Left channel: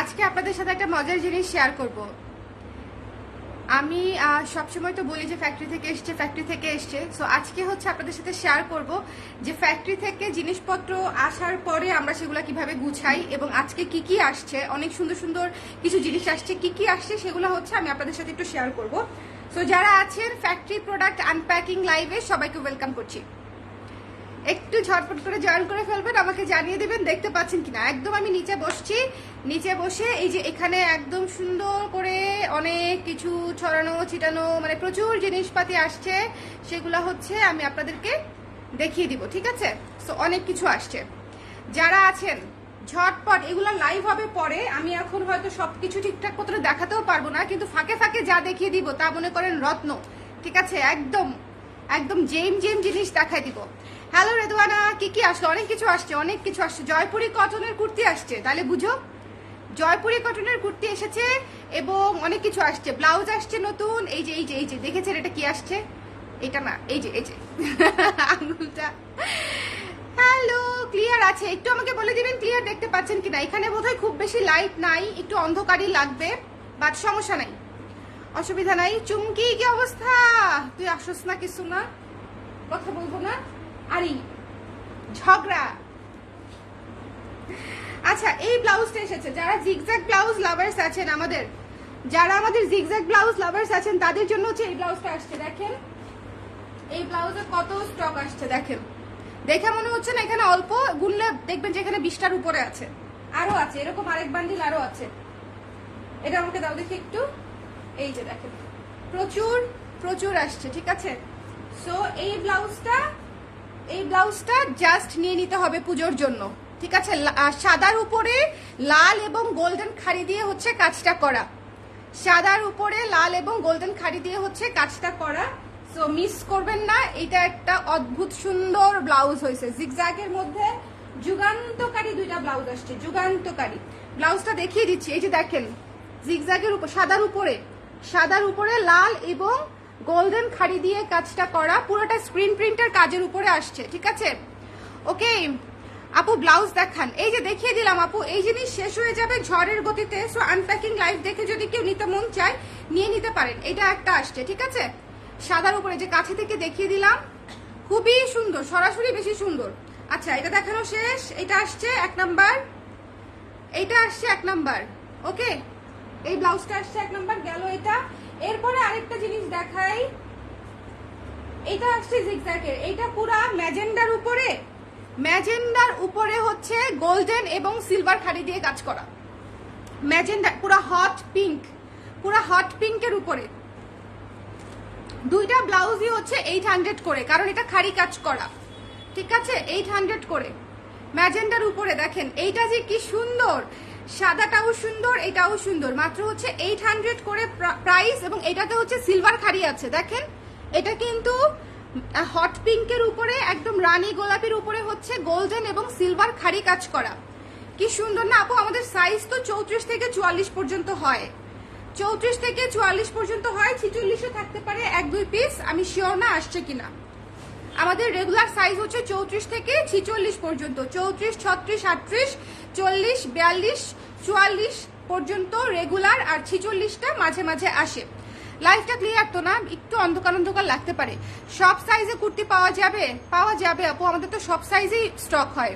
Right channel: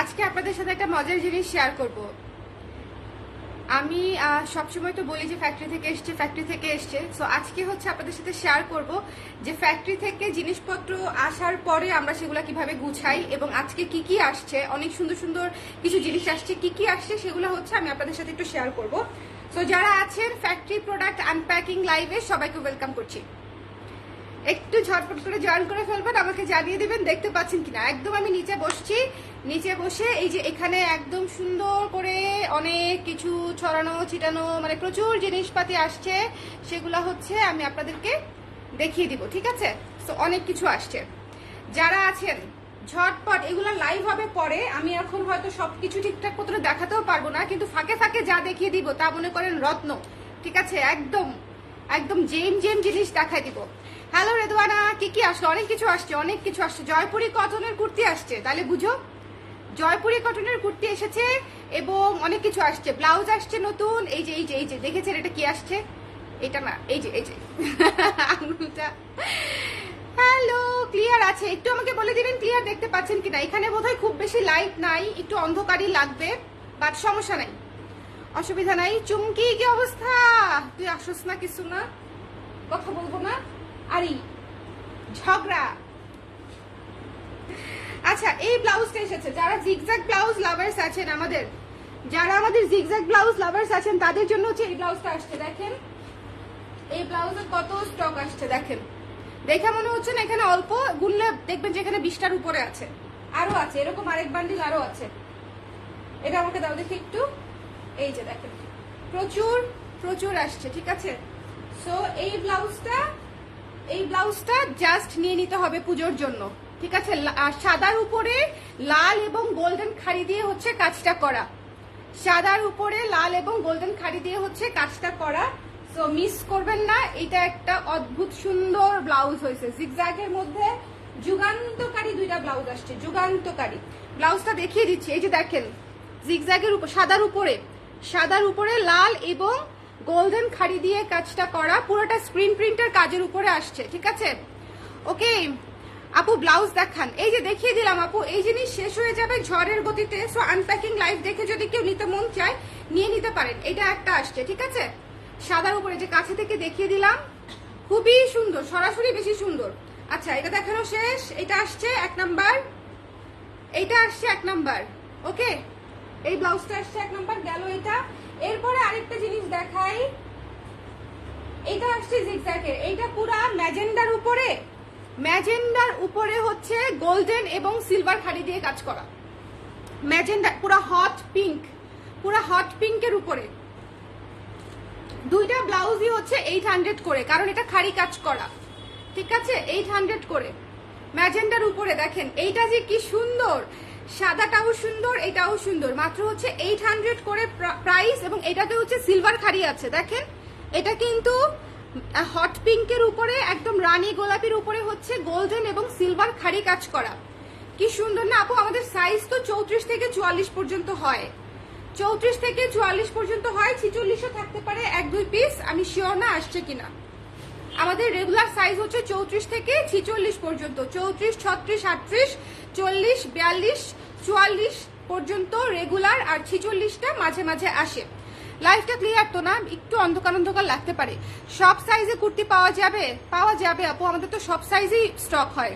আজকে আপনাদের সাথে একটা মজার জিনিস শেয়ার করব। আমি সবসময় তো বলি যে ফ্যাক্টরি থেকে এসছে। সো আজকে হচ্ছে আপনাদের সাথে শেয়ার করব যে ফ্যাক্টরি থেকে জিনিসপত্র আসার পরে আমরা সেগুলো কিভাবে গুছাই এবং আজকে কি কি আসছে। অনেক সুন্দর সুন্দর কিছু জিনিস আসছে, কি কি আসছে সেগুলো হচ্ছে আমি আপনাদের সাথে একটু শেয়ার করব। সো যারা আছেন ফ্যাক্টরি প্রোডাক্ট আনপ্যাকিং লাইভে সবাইকে ওয়েলকাম করছি। একটু ঝটপট করে জয়েন করে ফেলবেন, আমাকে জানিয়ে দিবেন দেখতে পাচ্ছেন কিনা। একদম আমি নিচে বসছি, নিচে বসে এই যে এখানে একদম সুন্দর করে অনেক কিছু ছড়ানো ছিটানো, মানে প্রচুর জিনিসপাতি আসছে, সেগুলো হচ্ছে আমি আপনাদেরকে দেখিয়ে দিব, ঠিক আছে? সো অনেক কিছু আসছে। যারা আছেন ঝটপট, এগুলো লাইভ হবে পরে, আমি এখন হয়তো সবকিছু ঠিকঠাক মতো দেখাতেও পারবো না, কিন্তু ফাঁকে ফাঁকে যা দেখিয়ে দিব তা মনে করেন রত্ন, ঠিক আছে? একদম একদম জেম জেম জিনিস দেখাই দিব। হ্যালো রেদওয়ানা, কি কি আসছে? অনেক কিছু আসছে, অনেক কিছু আসছে। জয়পুরি কটনের কুর্তি আসছে, তাহলে বুঝো, জয়পুরি কটনের কুর্তি এসেছে এবং অনেক কিছু আসছে। ব্লাউজ আসছে নতুন, এই যে এই যে এই যে দেখেছেন এটা কি আসছে? এটা না, এই যে আঙুলটা। হ্যালো, ক্লিয়ার আছে? একটু আমাকে বলে দিবেন ক্লিয়ার দেখতে পাচ্ছেন কিনা। এখানে বোধহয় খুব বেশি লাইট নাই, একটু অন্ধকারই লাগবে, বাট সমস্যা নাই, অসুবিধা নাই। চুমকি কি অবস্থা? তুই আসস না, কিছু না, কথা বলবো না, আরে ঝগড়া। আচ্ছা, এই ব্লাউজটা এসেছে। যারা জিগজ্যাগ ব্লাউজ লাভার্স আছেন, যারা আমাদের জিগজ্যাগ ব্লাউজ লাভার্স আছেন তাদের জন্য হচ্ছে এই ব্লাউজটা আসছে। দেখেন এই ব্লাউজে কত স্টক আসছে, দেখেন। দেখে মনে হচ্ছে না এখানে অল্প, গুনলে দেখবেন যে এখানে 20টার উপরে আছে, আরো আছে, এরকম আরেক বান্ডিল আরো আছে। এটা আমাকে দাও দেখি একটু। এই যে দেখেন প্রচুর প্রচুর আসছে, ঠিক আছে? সো এই ব্লাউজটা জাস্ট নিয়ে নিতে হবে পুজোর জন্য, ঠিক আছে? সাদার উপরে লাল এবং গোল্ডেন খাড়ি দিয়ে হচ্ছে কাজটা করা, সাদার উপরে লাল এবং গোল্ডেন খাড়ি দিয়ে হচ্ছে কাজটা করা। সো মিস করবেন না, এটা একটা অদ্ভুত সুন্দর ব্লাউজ হয়েছে। জিগজ্যাগের মধ্যে যুগান্তকারী দুইটা ব্লাউজ আসছে, যুগান্তকারী। ব্লাউজটা দেখিয়ে দিচ্ছি, এই যে দেখেন জিগজ্যাগের উপর সাদার উপরে লাল এবং গোল্ডেন খাড়ি দিয়ে কাজটা করা, পুরোটা স্ক্রিন প্রিন্টের কাজের উপরে আসছে, ঠিক আছে? ওকে আপু, ব্লাউজ দেখান। এই যে দেখিয়ে দিলাম আপু, এই জিনিস শেষ হয়ে যাবে ঝড়ের গতিতে। সো আনপ্যাকিং লাইভ দেখে যদি কেউ নিতে মন চায় নিয়ে নিতে পারেন। এটা একটা আসছে, ঠিক আছে? সাদার উপরে, যে কাছে থেকে দেখিয়ে দিলাম, খুবই সুন্দর, সরাসরি বেশি সুন্দর। আচ্ছা, এটা দেখানো শেষ, এটা আসছে 1 নাম্বার, এইটা আসছে 1 নাম্বার। ওকে, এই ব্লাউজটা আসছে 1 নাম্বার, গেল এটা। এরপরে আরেকটা জিনিস দেখাই, এটা আসছে জিগজ্যাগের। এইটা পুরা ম্যাজেন্ডার উপরে হচ্ছে গোল্ডেন এবং সিলভার খাড়ি দিয়ে কাজ করা। ম্যাজেন্ডা পুরা হট পিঙ্কের উপরে। দুইটা ব্লাউজই হচ্ছে 800 করে, কারণ এটা খাড়ি কাজ করা, ঠিক আছে? 800 করে ম্যাজেন্ডার উপরে। দেখেন এইটা যে কি সুন্দর, সাদাটাও সুন্দর, এটাও সুন্দর। মাত্র হচ্ছে 800 করে প্রাইস, এবং এটাতে হচ্ছে সিলভার খাড়ি আছে। দেখেন এটা কিন্তু হট পিঙ্কের উপরে, একদম রানী গোলাপের উপরে হচ্ছে গোল্ডেন এবং সিলভার খাড়ি কাজ করা। কি সুন্দর না আপু? আমাদের সাইজ তো 34 থেকে 44 পর্যন্ত হয়, 34 থেকে 44 পর্যন্ত হয়, 46ও থাকতে পারে 1-2 পিস, আমি শিওর না আসছে কিনা। আমাদের রেগুলার সাইজ হচ্ছে 34 থেকে 46 পর্যন্ত, 34, 36, 38, 40, 42, 44 পর্যন্ত রেগুলার, আর 46টা মাঝে মাঝে আসে। লাইফটা ক্লিয়ার তো না? একটু অন্ধকার অন্ধকার লাগতে পারে। সব সাইজে কুর্তি পাওয়া যাবে আপু, আমাদের তো সব সাইজেই স্টক হয়।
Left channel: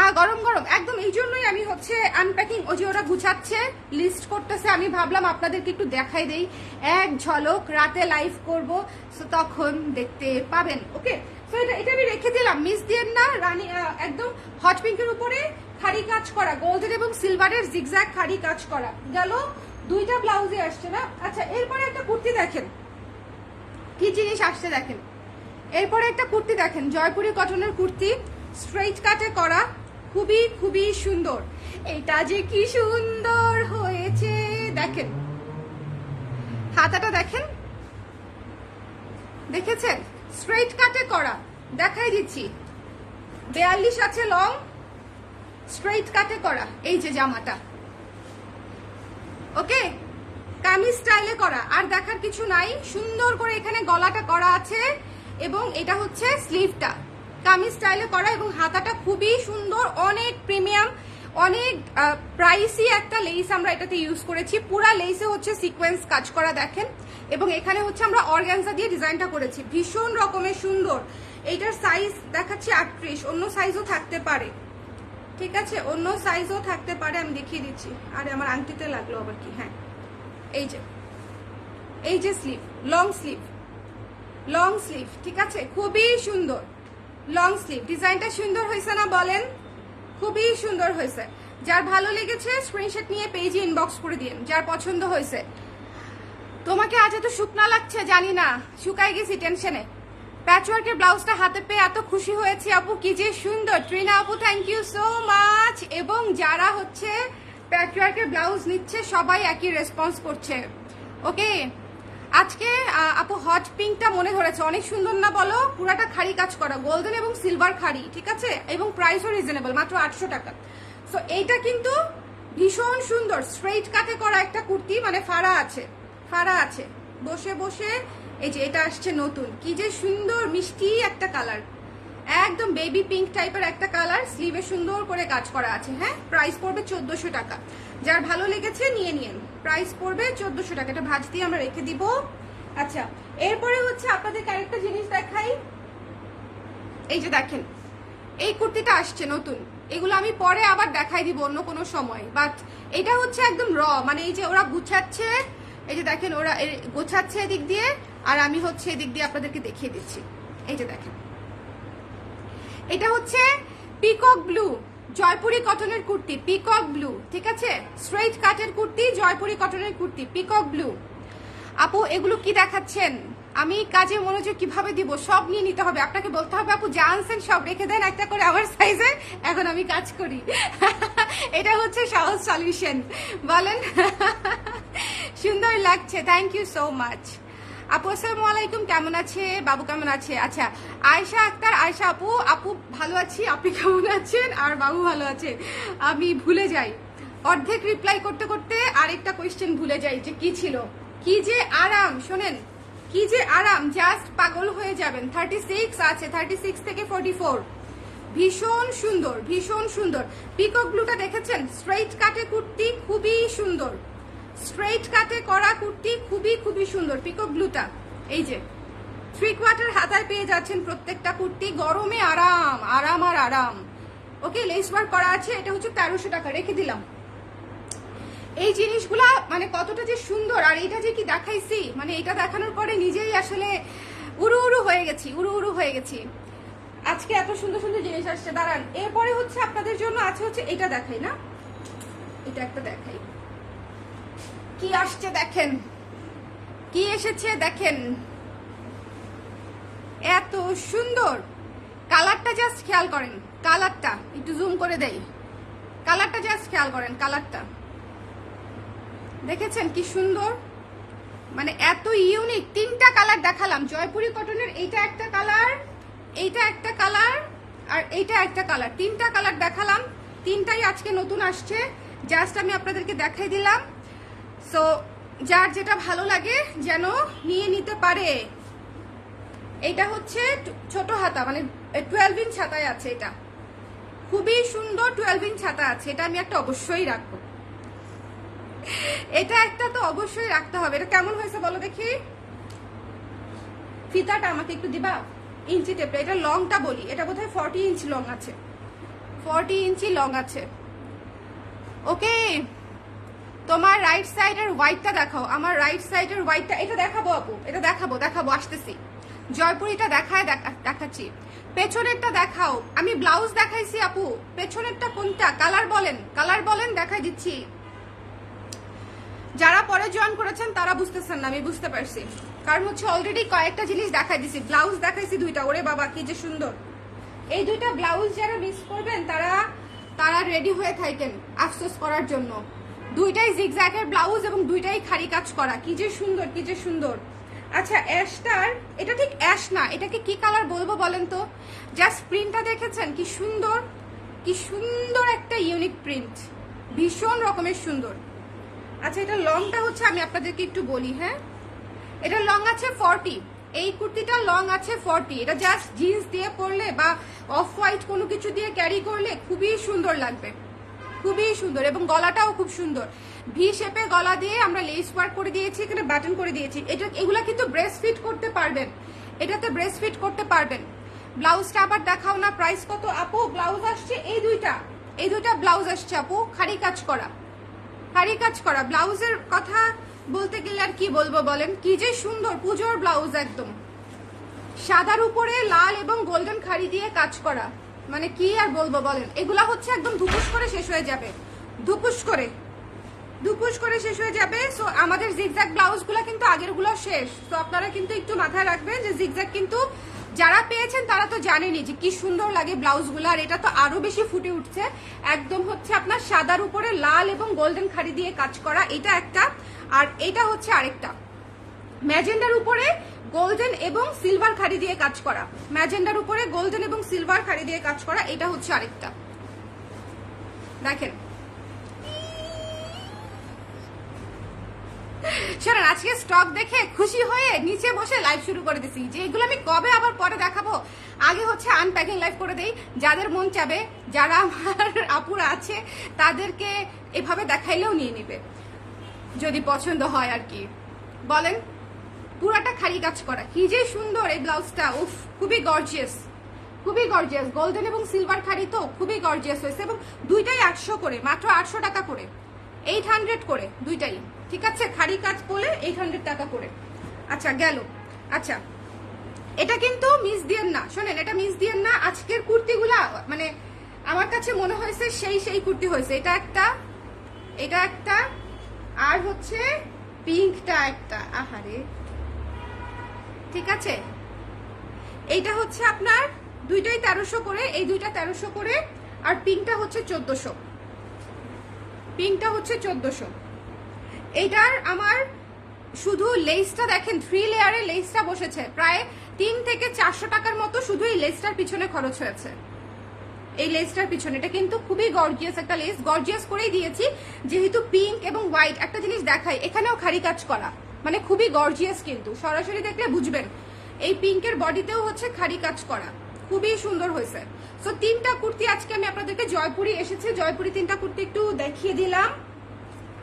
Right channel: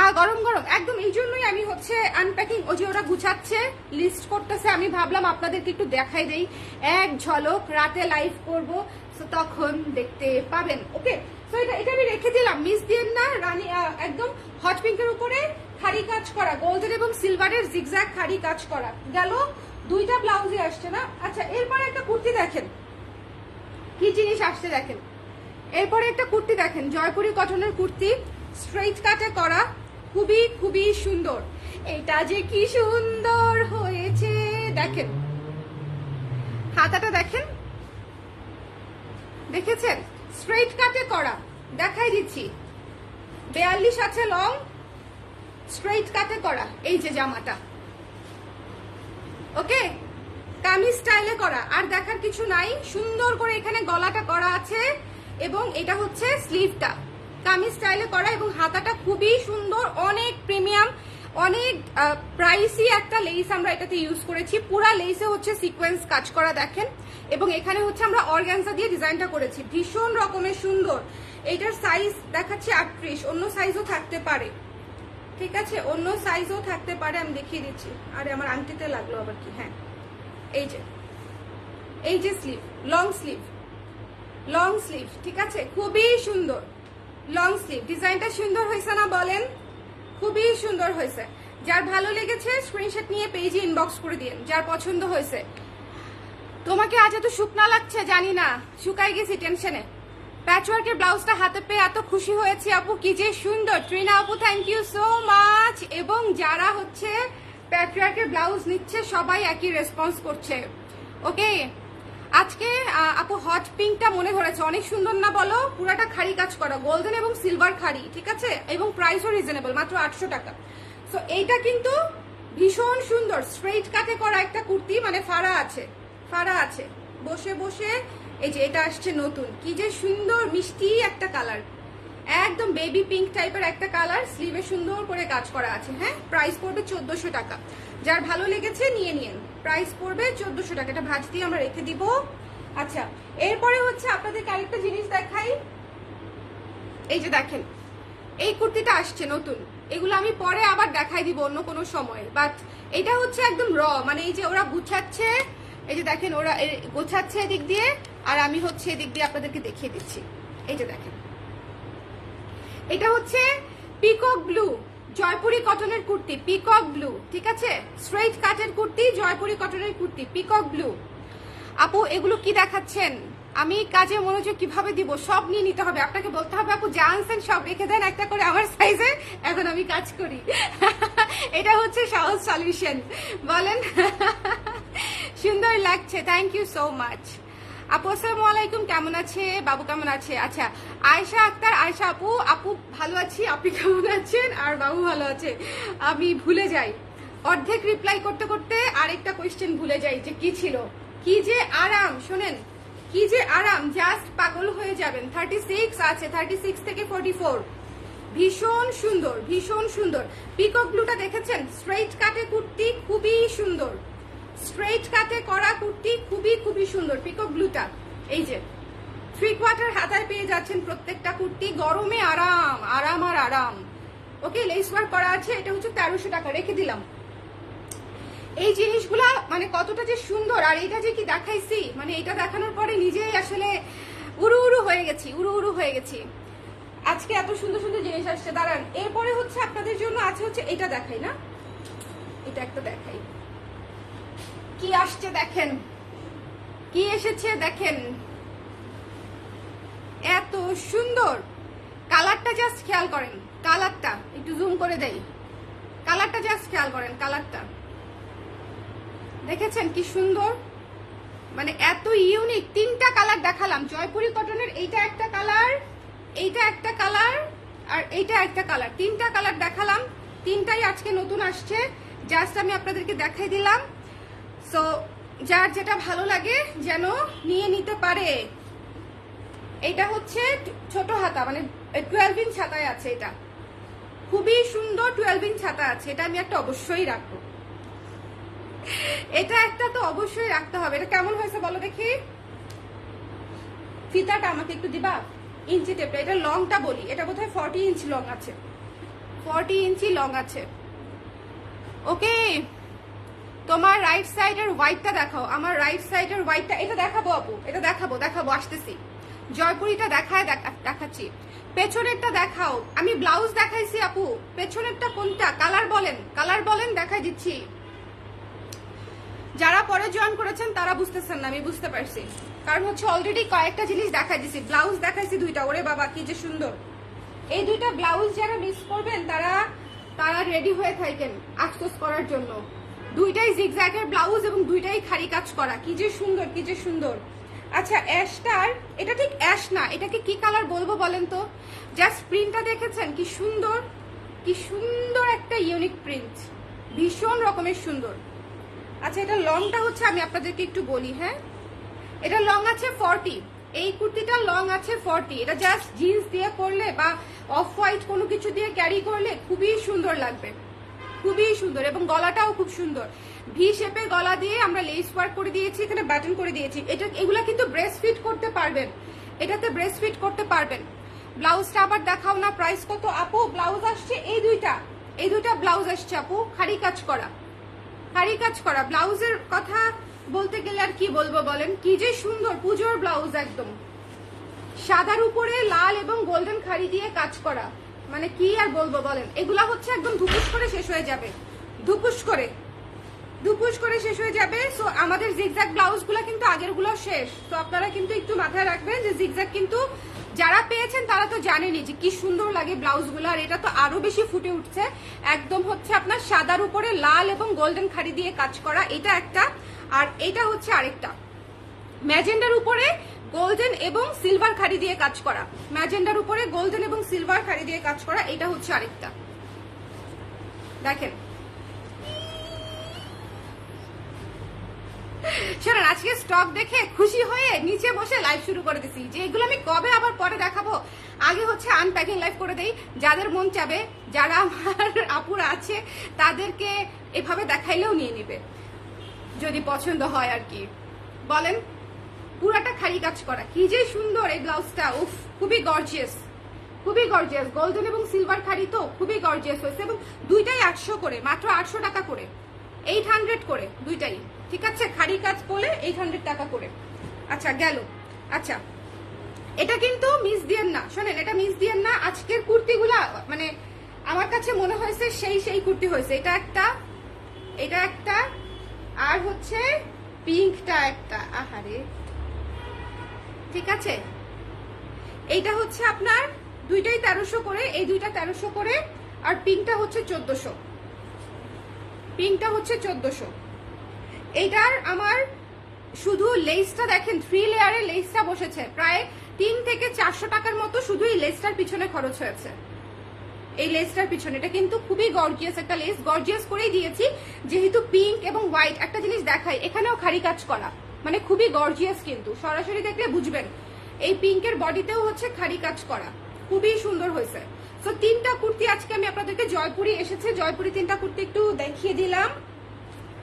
আর গরম গরম একদম, এই জন্যই আমি হচ্ছে আনপ্যাকিং, ওই যে ওরা গুছাচ্ছে, লিস্ট করতেছে, আমি ভাবলাম আপনাদেরকে একটু দেখাই দেই এক ঝলক। রাতে লাইভ করব, সো তখন দেখতে পাবেন। ওকে, সো এটা আমি রেখে দিলাম, মিস দিয়েন না। রানী একদম হট পিঙ্কের উপরে খাড়ি কাজ করা, গোল্ডেন এবং সিলভারের জিগজ্যাগ খাড়ি কাজ করা। গেল, দুইটা ব্লাউজে আসছে না? আচ্ছা, এরপরে একটা কুর্তি দেখেন, কি জিনিস আসছে দেখেন। এরপরে একটা কুর্তি দেখেন, জয়পুরি কটনের কুর্তি, স্ট্রেইট কাটে করা, খুবই খুবই সুন্দর। এটা যে কি সুন্দর হয়েছে দেখেন, হাতাটা দেখেন, দেখেছেন? স্ট্রেইট কাটে করা, দেখাই দিচ্ছি। 42 আছে লং, স্ট্রেইট কাটে করা। এই যে জামাটা, ওকে, কামিজ স্টাইলে করা, আর দেখার কিছু নাই। সুন্দর করে এখানে গলাটা করা আছে, এবং এটা হচ্ছে স্লিভটা কামিজ স্টাইলে করা, এবং হাতাটা খুবই সুন্দর, অনেক প্রিমিয়াম, অনেক প্রাইসি একটা লেস আমরা এটাতে ইউজ করেছি। পুরা লেসে হচ্ছে সিকোয়েন্স কাজ করা দেখেন, এবং এখানে হচ্ছে আমরা অর্গানজা দিয়ে ডিজাইনটা করেছি, ভীষণ রকমের সুন্দর। এইটার সাইজ দেখাচ্ছে 38, অন্য সাইজও থাকতে পারে, ঠিক আছে, অন্য সাইজও থাকতে পারে, আমি দেখিয়ে দিচ্ছি। আরে আমার আংটিতে লাগলো আবার কি, হ্যাঁ এই যে স্লিভ, লং স্লিভ, ঠিক আছে, খুবই সুন্দর লং স্লিভ। ডিজাইনটা সুন্দর হয়েছে না বলেন? খুবই সুন্দর হয়েছে। যার ভালো লেগেছে স্ক্রিনশট নিয়ে পেজে ইনবক্স করে দিন, যার পছন্দ হয়েছে। তোমাকে আজ এত শুকনা লাগছে জানি না, শুকাই গেছি টেনশনে। প্যাচওয়ার্কের ব্লাউজটা হাতে পেয়ে এত খুশি হয়েছি আপু, কি যে সুন্দর। ট্রিনা আপু থ্যাংক ইউ সো মাচ। এবং যারা হচ্ছে প্যাচওয়ার্কের ব্লাউজ নিচ্ছে সবাই একই রেসপন্স করছে। ওকে, আজকে আপু হট পিঙ্কটা মনে ধরেছে, অনেক সুন্দর না বলো? পুরাটা খালি কাজ করা, গোল্ডেন এবং সিলভার খাড়ি, ঠিক আছে, এবং প্রাইসও রিজনেবল, মাত্র 800 টাকা। সো এইটা কিন্তু ভীষণ সুন্দর স্ট্রেইট কাটে করা একটা কুর্তি, মানে ফাড়া আছে বসে বসে। এই যে এটা আসছে নতুন, কি যে সুন্দর মিষ্টি একটা কালার, একদম বেবি পিঙ্ক টাইপের একটা কালার, স্লিভে সুন্দর করে কাজ করা আছে। হ্যাঁ, প্রাইস পড়বে 1400 টাকা। যার ভালো লেগেছে নিয়ে নিন, প্রাইস পড়বে 1400 টাকা। এটা ভাঁজ দিয়ে আমরা রেখে দিব। আচ্ছা, এরপরে হচ্ছে আপনাদেরকে আরেকটা জিনিস দেখাই। এই যে দেখেন, এই কুর্তিটা আসছে নতুন, এগুলো আমি পরে আবার দেখাই দিব অন্য কোনো সময়, বাট এটা হচ্ছে একদম র, মানে এই যে ওরা গুছাচ্ছে, এই যে দেখেন ওরা গোছাচ্ছে এদিক দিয়ে, আর আমি হচ্ছে এদিক দিয়ে আপনাদেরকে দেখিয়ে দিচ্ছি। এই যে দেখেন, এটা হচ্ছে পিকক ব্লু জয়পুরি কটনের কুর্তি, পিকক ব্লু, ঠিক আছে, স্ট্রেইট কাটের কুর্তি, জয়পুরি কটনের কুর্তি, পিকক ব্লু। আপু এগুলো কি দেখাচ্ছেন? আমি কাজে মনোযোগ কিভাবে দিব? সব নিয়ে নিতে হবে, আপনাকে বলতে হবে আপু যা আনছেন সব রেখে দেন একটা করে আমার সাইজে, এখন আমি কাজ করি। এটা হচ্ছে সহজ সলিউশন, বলেন। সুন্দর লাগছে, থ্যাংক ইউ সো মাচ আপু। আসসালামু আলাইকুম, কেমন আছে বাবু, কেমন আছে? আচ্ছা, আয়েশা আক্তার, আয়েশা আপু, আপু ভালো আছি, আপনি কেমন আছেন? আর বাবু ভালো আছে? আমি ভুলে যাই, অর্ধেক রিপ্লাই করতে করতে আরেকটা কোয়েশ্চেন ভুলে যাই যে কি ছিল। কি যে আরাম, শোনেন, কি যে আরাম, জাস্ট পাগল হয়ে যাবেন। 36 আছে, 36 থেকে 44, ভীষণ সুন্দর, ভীষণ সুন্দর। পিকক ব্লুটা দেখেছেন? স্ট্রেইট কাটে কুর্তি, খুবই সুন্দর, স্ট্রেইট কাটে করা কুর্তি, খুবই খুবই সুন্দর পিকক ব্লুটা। এই যে 3/4 হাতায় পেয়ে যাচ্ছেন প্রত্যেকটা কুর্তি, গরমে আরাম আরাম আর আরাম। ওকে, লেস ওয়ার্ক করা আছে, এটা হচ্ছে 1300 টাকা, রেখে দিলাম। এই জিনিসগুলা মানে কতটা যে সুন্দর, আর এটা যে কি দেখাইছি, মানে এটা দেখানোর পরে নিজেই আসলে উড়ু উড়ু হয়ে গেছি। আজকে এত সুন্দর সুন্দর জিনিস আসছে, দাঁড়ান। এরপরে হচ্ছে আপনাদের জন্য আছে হচ্ছে এটা দেখাই না, এটা একটা দেখাই, কি আসছে দেখেন, কি এসেছে দেখেন, এত সুন্দর কালারটা, জাস্ট খেয়াল করেন কালারটা, একটু জুম করে দেই, কালারটা জাস্ট খেয়াল করেন, কালারটা দেখেছেন কি সুন্দর, মানে এত ইউনিক। 3টা কালার দেখালাম জয়পুরি কটনের, এইটা একটা কালার, এইটা একটা কালার, আর এইটা একটা কালার, 3টা কালার দেখালাম, 3টাই আজকে নতুন আসছে, জাস্ট আমি আপনাদেরকে দেখাই দিলাম। সো যার যেটা ভালো লাগে যেন নিয়ে নিতে পারে। এটা হচ্ছে ছোট হাতা, মানে 12 ইঞ্চ হাতায় আছে, এটা খুবই সুন্দর, 12 ইঞ্চ হাতা আছে, এটা আমি একটা অবশ্যই রাখবো, এটা একটা তো অবশ্যই রাখতে হবে। এটা কেমন হয়েছে বলো দেখি, ফিতাটা আমাকে একটু দিবা, ইঞ্চি টেপটা, এটা লংটা বলি, এটা বোধহয় 40 ইঞ্চ লং আছে, 40 ইঞ্চি লং আছে। ওকে, তোমার রাইট সাইডের হোয়াইটটা দেখাও, আমার রাইট সাইডের হোয়াইটটা, এটা দেখাবো আপু, এটা দেখাবো আসতেছি, জয়পুরিটা দেখাচ্ছি। পেছনেরটা দেখাও, আমি ব্লাউজ দেখাইছি আপু, পেছনেরটা কোনটা, কালার বলেন দেখাই দিচ্ছি। যারা পরে জয়েন করেছেন তারা বুঝতেছেন না, আমি বুঝতে পারছি, কারণ হচ্ছে অলরেডি কয়েকটা জিনিস দেখাই দিচ্ছি। ব্লাউজ দেখাইছি 2টা, ওরে বাবা কি যে সুন্দর। এই 2টা ব্লাউজ যারা মিস করবেন তারা রেডি হয়ে থাকেন আফসোস করার জন্য। 2টাই জিগজ্যাগের ব্লাউজ এবং 2টাই খালি কাজ করা, কি যে সুন্দর, কি যে সুন্দর। আচ্ছা, অ্যাশটার, এটা ঠিক অ্যাশ না, এটাকে কি কালার বলবো বলেন তো? জাস্ট প্রিন্টটা দেখেছেন কি সুন্দর, কি সুন্দর একটা ইউনিক প্রিন্ট, ভীষণ রকমের সুন্দর। আচ্ছা, এটা লংটা হচ্ছে আমি আপনাদেরকে একটু বলি, হ্যাঁ, এটা লং আছে 40, এই কুর্তিটা লং আছে 40। এটা জাস্ট জিন্স দিয়ে পরলে বা অফ হোয়াইট কোনো কিছু দিয়ে ক্যারি করলে খুবই সুন্দর লাগবে, খুবই সুন্দর এবং গলাটাও খুব সুন্দর। ভি শেপে গলা দিয়ে আমরা লেস ওয়ার্ক করে দিয়েছি, এখানে বাটন করে দিয়েছি। এগুলা কিন্তু ব্রেস্ট ফিট করতে পারবেন, এটাতে ব্রেস্ট ফিট করতে পারবেন। ব্লাউজটা আবার দেখাও না, প্রাইস কত আপু? ব্লাউজ আসছে এই দুইটা ব্লাউজ আসছে আপু, খাড়ি কাজ করা ব্লাউজের কথা বলতে গেলে আর কি বলবো বলেন, কি যে সুন্দর পুজোর ব্লাউজ, একদম সাদার উপরে লাল এবং গোল্ডেন খাড়ি দিয়ে কাজ করা, মানে কি আর বলবো বলেন। এগুলা হচ্ছে একদম ধুপুস করে শেষ হয়ে যাবে, ধুপুস করে শেষ হয়ে যাবে। সো আমাদের জিগজ্যাগ ব্লাউজ গুলা কিন্তু আগের গুলো শেষ। তো আপনারা কিন্তু একটু মাথায় রাখবেন যে জিগজ্যাগ কিন্তু যারা পেয়েছেন তারা তো জানেনই যে কি সুন্দর লাগে ব্লাউজ গুলো, আর এটা তো আরো বেশি ফুটে উঠছে। একদম হচ্ছে আপনার সাদার উপরে লাল এবং গোল্ডেন খাড়ি দিয়ে কাজ করা, এটা একটা। আর এটা হচ্ছে আরেকটা, ম্যাজেন্ডার উপরে গোল্ডেন এবং সিলভার খাড়ি দিয়ে কাজ করা, ম্যাজেন্ডার উপরে গোল্ডেন এবং সিলভার খাড়ি দিয়ে কাজ করা, এটা হচ্ছে আরেকটা। দেখেন শোনেন, আজকে স্টক দেখে খুশি হয়ে নিচে বসে লাইভ শুরু করে দিছি, যে এগুলো আমি কবে আবার পরে দেখাবো, আগে হচ্ছে আনপ্যাকিং লাইভ করে দেই। যাদের মন চাবে, যারা আমার আপুরা আছে তাদেরকে এভাবে দেখাইলেও নিয়ে নিবে যদি পছন্দ হয় আর কি। বলেন, পুরাটা খালি কাজ করা, কি যে সুন্দর এই ব্লাউজটা, উফ খুবই গর্জিয়াস, গোল্ডেন এবং সিলভার খাড়ি তো খুবই গর্জিয়াস হয়েছে। এবং দুইটাই 800 করে, মাত্র 800 টাকা করে, 800 করে দুইটাই, ঠিক আছে? খাড়ি কাজ করলে 800 টাকা করে। আচ্ছা গেল। আচ্ছা, এটা কিন্তু মিস দিয়েন না, শোনেন এটা মিস দিয়েন না। আজকের কুর্তিগুলা মানে আমার কাছে মনে হয়েছে সেই কুর্তি হয়েছে। এটা একটা আর হচ্ছে পিঙ্কটা একটা, আহারে, ঠিক আছে? এইটা হচ্ছে আপনার দুইটাই 1300 করে, এই দুইটা 1300 করে, আর পিঙ্কটা হচ্ছে 1400। এটার আমার শুধু লেসটা দেখেন, 3 লেয়ারে লেসটা বসেছে, প্রায় 3 থেকে 400 টাকার মতো শুধু এই লেসটার পিছনে খরচ হয়েছে। এই লেসটার পিছনে, এটা কিন্তু খুবই গর্জিয়াস একটা লেস, গর্জিয়াস করেই দিয়েছি যেহেতু পিঙ্ক এবং হোয়াইট। একটা জিনিস দেখাই, এখানেও খাড়ি কাজ করা, মানে খুবই গর্জিয়াস, কিন্তু সরাসরি দেখলে বুঝবেন। এই পিঙ্কের বডিতেও হচ্ছে খাড়ি কাজ করা, খুবই সুন্দর হয়েছে। তো 3টা কুর্তি আজকে আমি আপনাদেরকে, জয়পুরি এসেছে, জয়পুরি 3টা কুর্তি একটু দেখিয়ে দিলাম।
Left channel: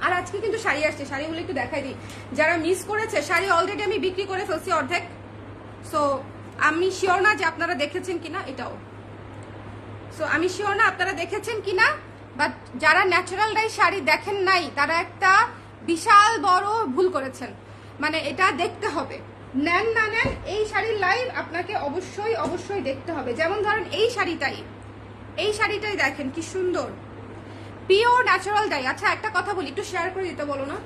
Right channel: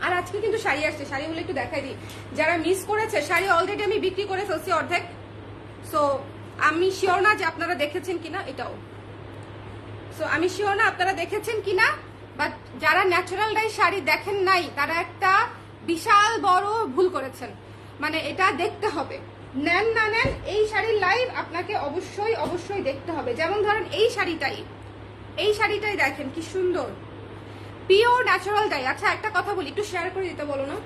আর আজকে কিন্তু শাড়ি আসছে, শাড়িগুলো একটু দেখাই দিই। যারা মিস করেছে, শাড়ি অলরেডি আমি বিক্রি করে ফেলছি অর্ধেক। সো আমি শিওর না যে আপনারা দেখেছেন কিনা, এটাও আমি শিওর না আপনারা দেখেছেন কিনা, বাট যারা ন্যাচারাল ডাই শাড়ি দেখেন নাই তারা একটা বিশাল বড় ভুল করেছেন। মানে এটা দেখতে হবে, নেন না নেন, এই শাড়ির লাইভ আপনাকে অবশ্যই দেখতে হবে। যেমন ধরেন এই শাড়িটাই দেখেন কি সুন্দর, পিওর ন্যাচারাল ডাই। আচ্ছা একটা কথা বলি, একটু শেয়ার করে দিতে বলো না,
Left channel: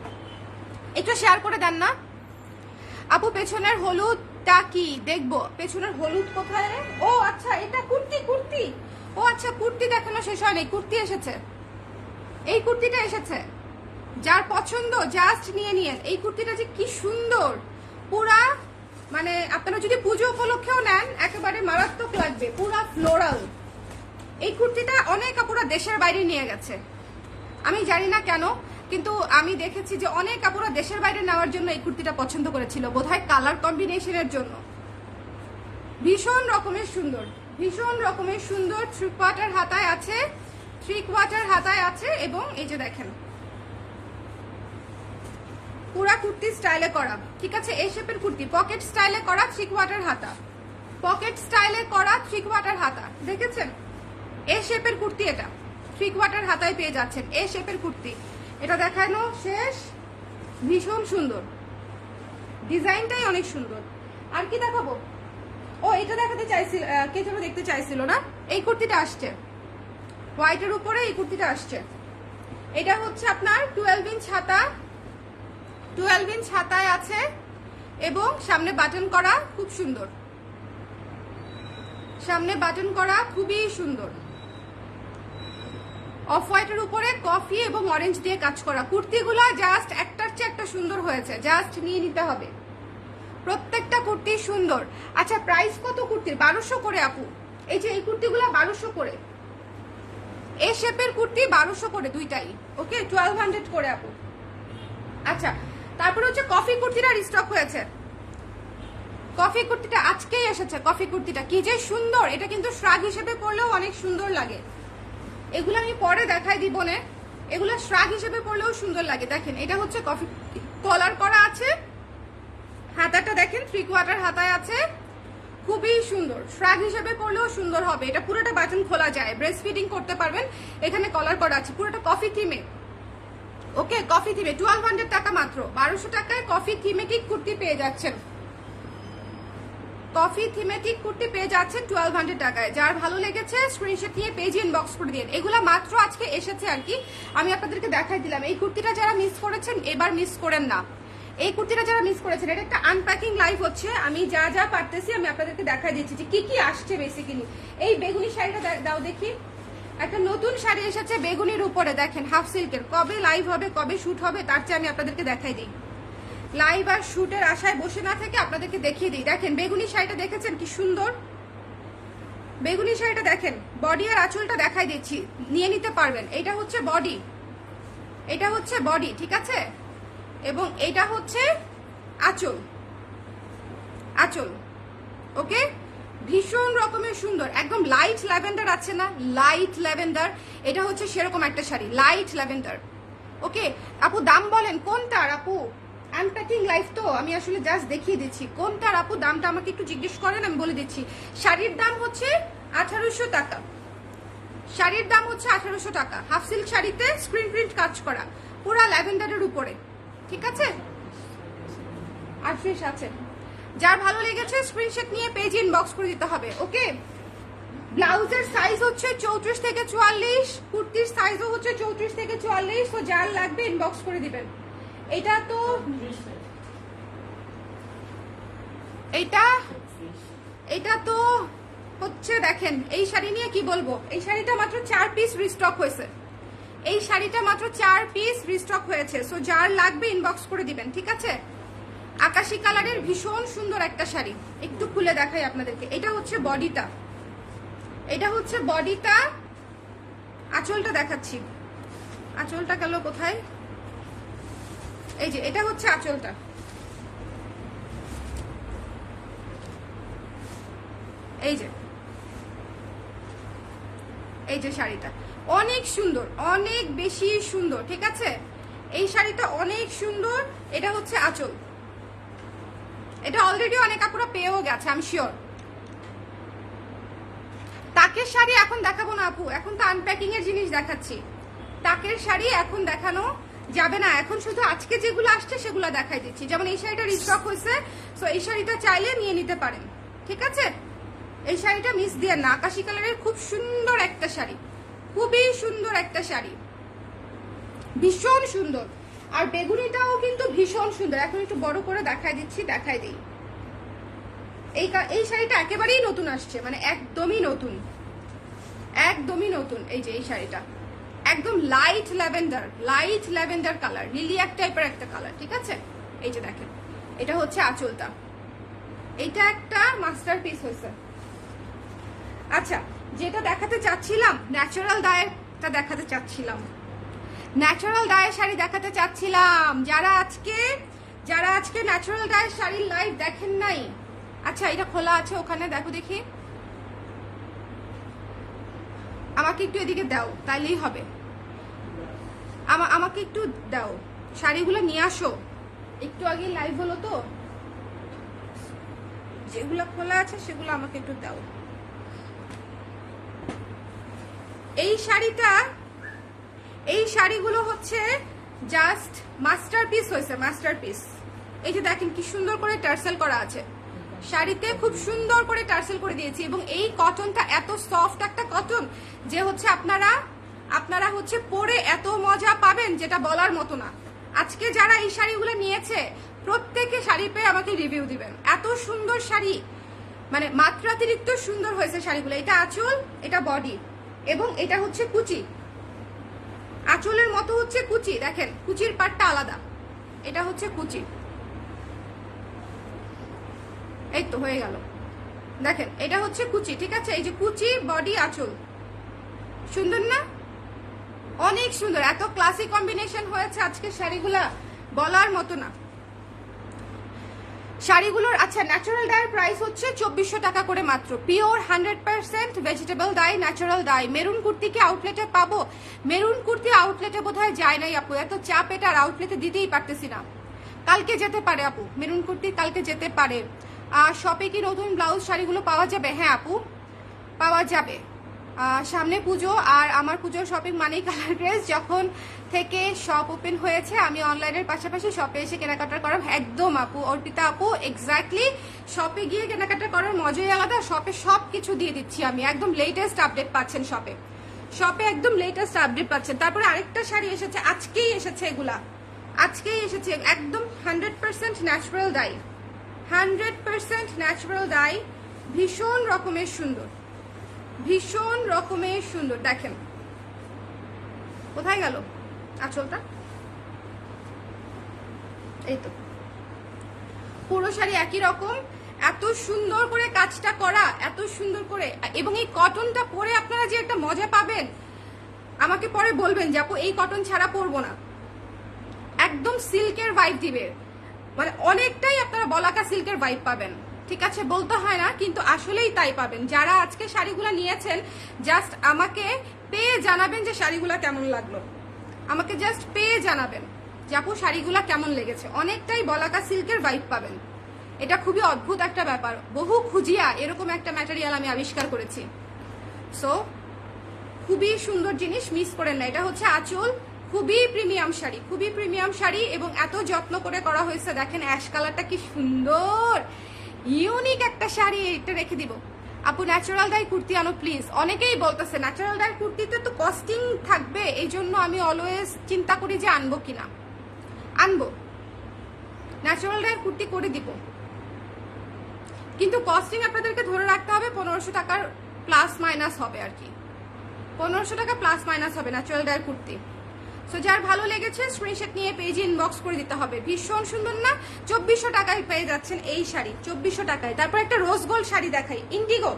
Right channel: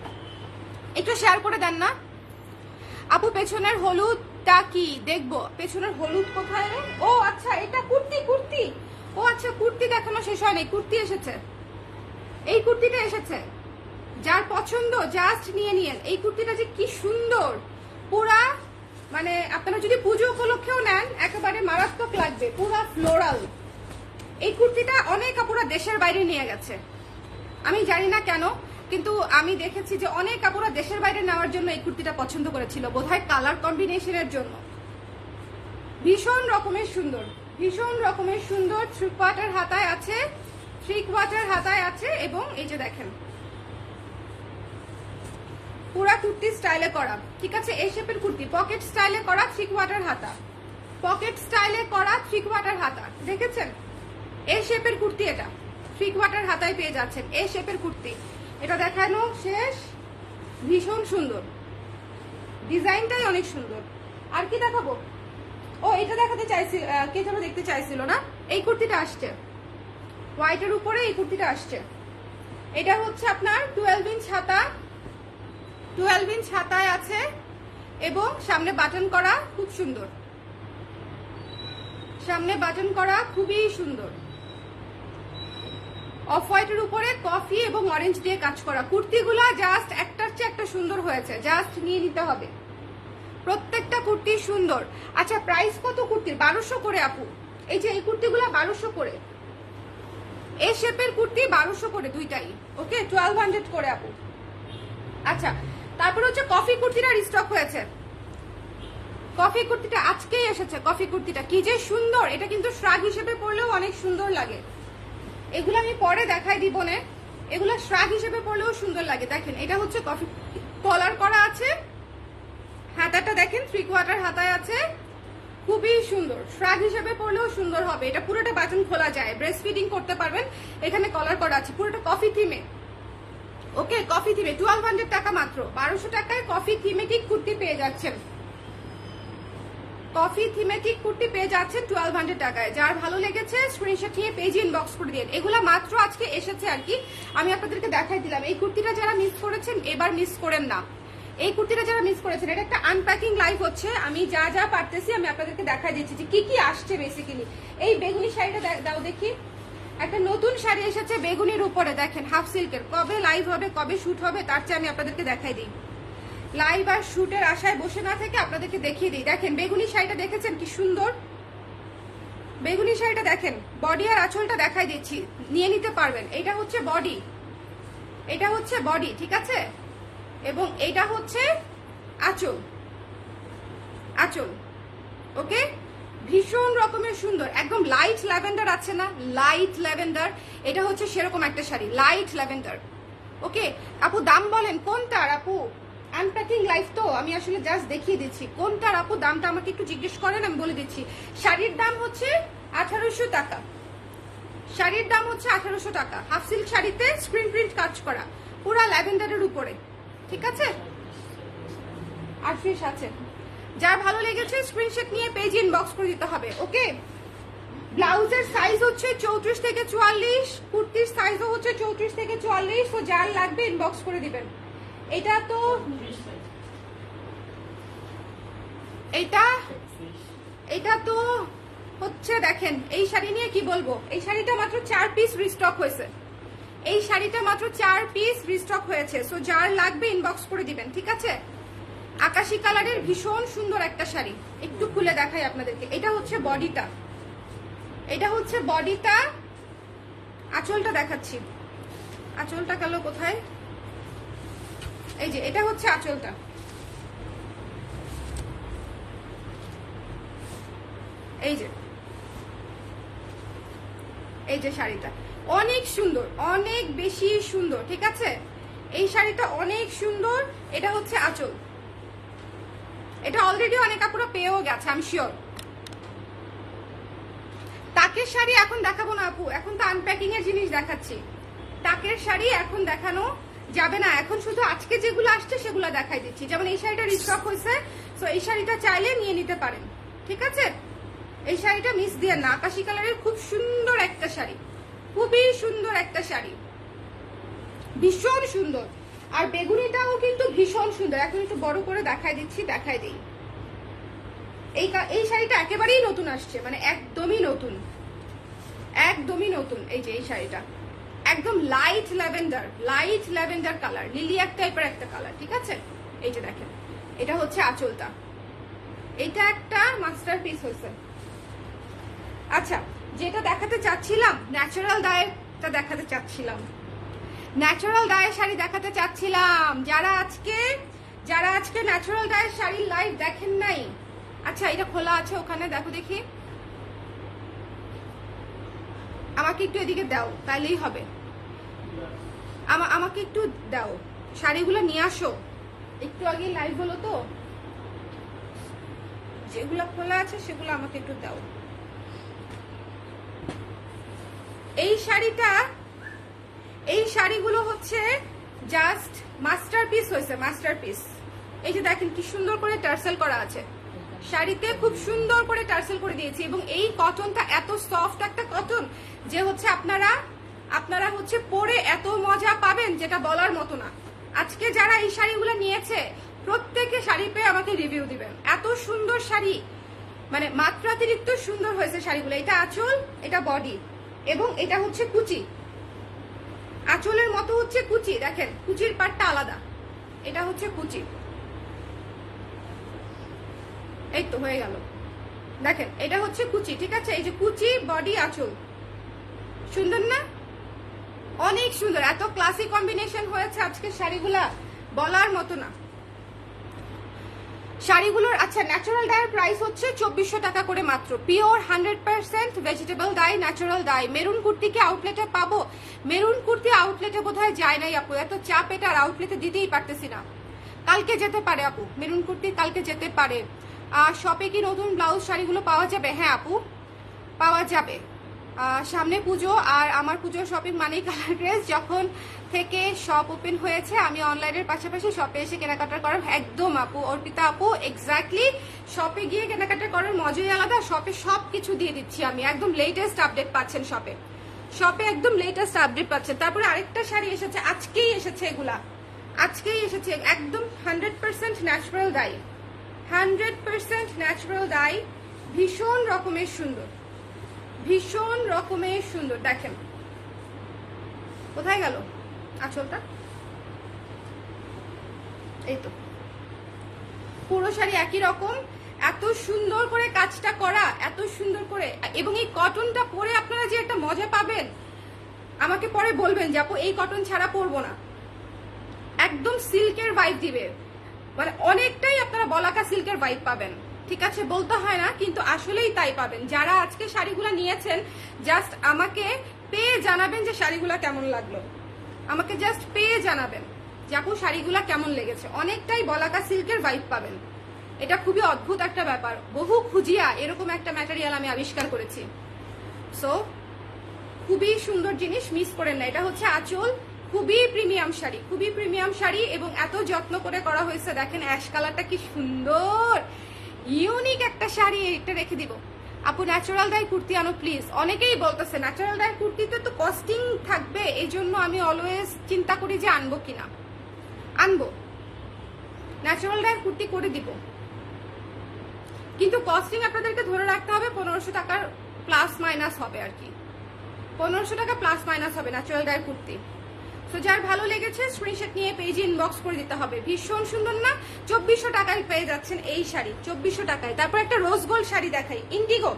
একটু শেয়ার করে দেন না আপু। পেছনের হলুদটা কি দেখবো? পেছনের হলুদ কোথায়? ও আচ্ছা, এটা কুর্তি। ও আচ্ছা, কুর্তি দেখানো শেষ হয়নি, কুর্তি এসেছে, এই কুর্তিটা এসেছে। যার পছন্দ জাস্ট নিয়ে নিন। এই কুর্তিটা যে কি সুন্দর, পুরা মানে আপনারা যদি পুজো উপলক্ষেও নেন একেবারে মারাত্মক লাগবে, পুরা ফ্লোরাল। এই কুর্তিটা অনেক আপুরা দেশের বাইরে নিয়ে গেছে, আমি জানি না কেন, কিন্তু আমি দেখেছি যে অনেক আপুরা দেশের বাইরে নেওয়ার জন্য এই কুর্তিটা পছন্দ করেছিল, বোধহয় কালার কম্বিনেশনের জন্য। ভীষণ রকমের সুন্দর, 3 কোয়ার্টার হাতায় আছে, এবং এই যে দেখেন পুরা কুর্তি স্টাইলে করা, ঠিক আছে? এই শেপের কুর্তি, পকেট স্টাইলে করা 3 কোয়ার্টার হাতা, দেখেছেন? এই শেপের কুর্তি, এটা 3 কোয়ার্টার হাতায় পেয়ে যাচ্ছেন। এই শেপের কুর্তি, এটা দেখানো শেষ। ভীষণ সুন্দর, ডিজাইনটাই অনেক সুন্দর। আর কি দেখাবো? ও এটা দেখাতে চাইছিল, কে যেন দেখতে চাইছিল না, এই কুর্তিটা আসছে হোয়াইটের উপরে, এই কুর্তিটা আসছে। এটা হচ্ছে আপনার 12 ইঞ্চ হাতায় আছে এবং সামনে বাটন করা, খুব সুন্দর, খুবই সুন্দর। অফ হোয়াইটের উপরে কফি এবং অরেঞ্জ দিয়ে কাজ করা। কুর্তিগুলো জাস্ট একটার চেয়ে একটা সুন্দর হয়েছে, জাস্ট নিয়ে নিতে হবে, প্রত্যেকটা কুর্তি সুন্দর। আচ্ছা প্রাইস কত কুর্তির? 1200 করে আপু। এই যে এই কুর্তিগুলো 1200 করে, এই শেপের কুর্তি 1200 করে দুইটাই, ওকে 1200 করে আপু। আচ্ছা তারপরে হচ্ছে কফি কুর্তিটা রিস্টক হয়েছে, কফি কুর্তিটা আজকেই এসেছে। কফি কুর্তিটা কি যে সুন্দর, এটা কিন্তু শ্রাগ হিসেবে পরলেও অনেক সুন্দর লাগে। এগুলো আমি পরে দেখাই দিব না, এগুলো শ্রাগ হিসেবে পরলেও সুন্দর লাগে। দেখেন এটা হচ্ছে কফি কলার করা আছে, হাতাটা দেখেন 3/4 হাতায় আছে, খুবই সুন্দর। শ্রাগ হিসেবে পরলেও সুন্দর হবে। এটা পুরোটা বাটন খোলা যায়, ব্রেস্ট ফিডিং করতে পারবেন। এখানে কলার করা আছে, পুরোটা কফি থিমে। ওকে, কফি থিমে 1200 টাকা মাত্র। 1200 টাকায় কফি থিমেটিক কুর্তি পেয়ে যাচ্ছেন, কফি থিমেটিক কুর্তি পেয়ে যাচ্ছেন 1200 টাকায়। যার ভালো লেগেছে স্ক্রিনশট নিয়ে পেজে ইনবক্স করে দিন। এগুলা মাত্র আজকে এসেছে আর কি, আমি আপনাদেরকে দেখাই দিলাম। এই কুর্তিটা যারা মিস করেছেন এবার মিস করেন না। এই কুর্তিটা যারা মিস করেছেন, এটা একটা আনপ্যাকিং লাইভ হচ্ছে, আমি যা যা পারতেছি আমি আপনাদেরকে দেখাই দিচ্ছি যে কি কি আসছে বেসিক্যালি। এই বেগুনি শাড়িটা দাও দেখি, একটা নতুন শাড়ি এসেছে বেগুনির উপরে, দেখেন হাফ সিল্কের। কবে লাইভ হবে, কবে শুট হবে তার চেয়ে আমি আপনাদেরকে দেখাই দিই। লাইভ আর শুটের আশায় বসে না থেকে আপনাদেরকে দেখিয়ে দিই। দেখেন বেগুনি শাড়িটা দেখেছেন কি সুন্দর, বেগুনি শাড়িটা দেখেন। বডি আর আঁচলটা দেখাই দিচ্ছি, নিয়ে নিতে পারবেন। এটা হচ্ছে বডি, এটা হচ্ছে বডি, ঠিক আছে, এবং এটা হচ্ছে আঁচল, আঁচল। ওকে, ভীষণ রকমের সুন্দর, একদম লাইট ল্যাভেন্ডার আছে না, লাইট ল্যাভেন্ডার, এটা হচ্ছে সেরকম একটা শাড়ি, লাইট ল্যাভেন্ডার। ওকে আপু, দাম বলেন কোনটার আপু? আনপ্যাকিং লাইভ তো, আমি আসলে জাস্ট দেখিয়ে দিচ্ছি কোনটার আপু। দামটা আমাকে একটু জিজ্ঞেস করেন, আমি বলে দিচ্ছি। শাড়ির দাম হচ্ছে 1800 টাকা, শাড়ির দাম হচ্ছে 1800 টাকা। হাফ সিল্ক শাড়িতে স্ক্রিন প্রিন্ট কাজ করা, পুরা ল্যাভেন্ডারের উপরে, ঠিক আছে। আর ফ্রেশ আছে, যার ভালো লেগেছে স্ক্রিনশট নিয়ে পেজ ইনবক্স করে দিতে হবে। ওকে, ব্লাউজের সাইজ হচ্ছে 34 থেকে 44, কুর্তির সাইজও হচ্ছে 34 থেকে 44। তো যার লাগবে ইনবক্স করে দিবেন। এটা তো এটা তো হচ্ছে, দেখেন এই শাড়ি নিয়ে কি বলবো। এই শাড়িটা মাত্র 4 পিস রিস্টক হয়েছে, এই শাড়িটা মাত্র 4 পিস রিস্টক হয়েছে। সো যার লাগবে ইনবক্স করে দিবেন, ঠিক আছে। আকাশি কালারের ভীষণ সুন্দর একটা শাড়ি, একটু খুলে দেখাই আপনাদেরকে। এটা হচ্ছে বডিটা, এটা হচ্ছে বডিটা, আঁচলটা দেখাচ্ছি। আঁচলটা গেল কোথায়? এই যে এটা হচ্ছে আঁচলটা, এই যে, এই যে শাড়িটা অনেক সুন্দর, অনেক বেশি সুন্দর, ঠিক আছে। এই শাড়িটা অনেক সুন্দর। এটা হচ্ছে আঁচল, এটা অলরেডি অনেক আপুরা পেয়েও গেছে, আমি শিওর। তাকের শাড়ি এখন দেখাবো না আপু, এখন তো আনপ্যাকিং এর জিনিস দেখাচ্ছি। তাকের শাড়ি এখন দেখানো যাবে না, এখন শুধু আজকে যেগুলো আসছে সেগুলো দেখাই দিচ্ছি। যেমন এই শাড়িটা রিস্টক হয়েছে, তো এই শাড়িটা চাইলে নিয়ে নিতে পারেন, ঠিক আছে। এই শাড়িটা মিস দিয়ে না, আকাশি কালারের খুব সুন্দর একটা শাড়ি, খুবই সুন্দর একটা শাড়ি, ভীষণ সুন্দর। আর বেগুনিটাও কিন্তু ভীষণ সুন্দর। এখন একটু বড় করে দেখাই দিচ্ছি, দেখাই দিই। এই শাড়িটা একেবারেই নতুন আসছে, মানে একদমই নতুন, একদমই নতুন। এই যে এই শাড়িটা একদম light lavender, light lavender colour, lilac টাইপের একটা কালার, ঠিক আছে। এই যে দেখেন, এটা হচ্ছে আঁচলটা, এটা একটা মাস্টারপিস হয়েছে। আচ্ছা, যেটা দেখাতে চাচ্ছিলাম, ন্যাচারাল ডায়েরটা দেখাতে চাচ্ছিলাম, ন্যাচারাল ডায়ের শাড়ি দেখাতে চাচ্ছিলাম। যারা আজকে ন্যাচারাল ডায়ের শাড়ির লাইভ দেখেন নাই, আচ্ছা এটা খোলা আছে ওখানে, দেখো দেখি, আমাকে একটু এদিকে দাও, তাইলেই হবে। আমাকে একটু দাও, শাড়িগুলো নিয়ে আসো। একটু আগে লাইভ হলো তো, যেগুলো খোলা আছে সেগুলো আমাকে একটু দাও। এই শাড়িগুলো হচ্ছে জাস্ট মাস্টারপিস হয়েছে, মাস্টারপিস। এই যে দেখেন কি সুন্দর করে টার্সেল করা আছে শাড়িতে, খুব সুন্দর করে টার্সেল করে দিয়েছি। এবং এই কটনটা এত সফট একটা কটন যে হচ্ছে আপনারা হচ্ছে পরে এত মজা পাবেন যেটা বলার মতো না। আজকে যারা এই শাড়িগুলো নিয়েছে প্রত্যেকে শাড়ি পেয়ে আমাকে রিভিউ দিবেন, এত সুন্দর শাড়ি, মানে মাত্রাতিরিক্ত সুন্দর হয়েছে শাড়িগুলো। এটা আঁচল, এটা বডি, এবং এটা হচ্ছে কুচি। আঁচলের মতো হচ্ছে কুচি, দেখেন কুচির পাটটা আলাদা, এটা হচ্ছে কুচি। এই তো হয়ে গেল, দেখেন এটা হচ্ছে কুচি, ঠিক আছে। এই যে কুচি, বডি, আঁচল, সুন্দর না? অনেক সুন্দর, এত ক্লাসি কম্বিনেশন হয়েছে আজকে শাড়িগুলা বলার মতো না। শাড়িগুলোর আচ্ছা ন্যাচারাল ডাইয়ের প্রাইস হচ্ছে 2400 টাকা করে মাত্র। Pure 100% vegetable die, natural die. Maroon kurti কি আউটলেটে পাবো? মেরুন কুর্তি আউটলেটে বোধহয় যায় নাই আপু, এত চাপ এটা আর আউটলেটে দিতেই পারতেছি না। কালকে যেতে পারে আপু, মেরুন কুর্তি কালকে যেতে পারে। আর শপে কি নতুন ব্লাউজ শাড়িগুলো পাওয়া যাবে? হ্যাঁ আপু পাওয়া যাবে। সামনে পুজো, আর আমার পুজোর শপিং মানেই কালার ড্রেস। যখন থেকে শপ ওপেন হয়েছে আমি অনলাইনের পাশাপাশি শপে এসে কেনাকাটা করার একদম আপু অর্পিতা আপু এক্স্যাক্টলি শপে গিয়ে কেনাকাটা করার মজাই আলাদা। শপে সব কিছু দিয়ে দিচ্ছি আমি, একদম লেটেস্ট আপডেট পাচ্ছেন শপে। শপে একদম লেটেস্ট আপডেট পাচ্ছেন। তারপরে আরেকটা শাড়ি এসেছে, আজকেই এসেছে, এগুলা আজকেই এসেছে, একদম 100% ন্যাচারাল ডাই, 100% ন্যাচারাল ডাই। ভীষণ রকমের সুন্দর, ভীষণ রকমের সুন্দর। দেখেন কোথায় গেল আঁচলটা, এই তো পুরো শাড়ি একই রকম, এত সুন্দর করে কাজটা করা, এত সুন্দর করে। এবং এই কটনটা পরে আপনারা যে একটা মজা পাবেন, আমাকে পরে বলবেন যে আপু এই কটন ছাড়া পরবো না। একদম সিল্কের ভাইব দিবে, মানে অনেকটাই আপনারা বলাকা সিল্কের ভাইব পাবেন। ঠিক আছে, বলতে হয় না কিন্তু আসলেই তাই পাবেন। যারা আজকে শাড়িগুলো নিয়েছেন জাস্ট আমাকে পেয়ে জানাবেন যে শাড়িগুলো কেমন লাগলো, আমাকে জাস্ট পেয়ে জানাবেন যে আপু শাড়িগুলো কেমন লেগেছে। অনেকটাই বলাকা সিল্কের ভাইব পাবেন। এটা খুবই অদ্ভুত একটা ব্যাপার, বহু খুঁজিয়া এরকম একটা ম্যাটেরিয়াল আমি আবিষ্কার করেছি। সো খুবই সুন্দর জিনিস, মিস করেন না। এটা হচ্ছে আঁচল, খুবই প্রিমিয়াম শাড়ি, খুবই প্রিমিয়াম শাড়ি এবং এত যত্ন করে করা হয়েছে। দেখেন অ্যাশ কালারটা কি সুন্দর, ইউনিক একটা শাড়ি। এটা রেখে দিব আপু, ন্যাচারাল ডাই কুর্তি আনো প্লিজ। অনেকেই বলতেছে ন্যাচারাল ডাই কুর্তিতে তো কস্টিং থাকবে, এই জন্য আমি অলওয়েজ চিন্তা করি যে আনবো কিনা। আনবো, ন্যাচারাল ডাই কুর্তি করে দিব, কিন্তু কস্টিং আপনাদেরকে ধরে রাখতে হবে 1500 টাকার প্লাস মাইনাস হবে আর কি, 1500 টাকা প্লাস মাইনাস হবে ন্যাচারাল ডাই কুর্তি। তো যার ভালো লেগেছে স্ক্রিনশট নিয়ে পেজে ইনবক্স করে দিতে হবে। ভীষণ সুন্দর না? 2400 টাকায় পেয়ে যাচ্ছেন এই শাড়ি, 2400 টাকায়। তারপর একটা রোজ গোল্ড শাড়ি দেখাই, Indigo,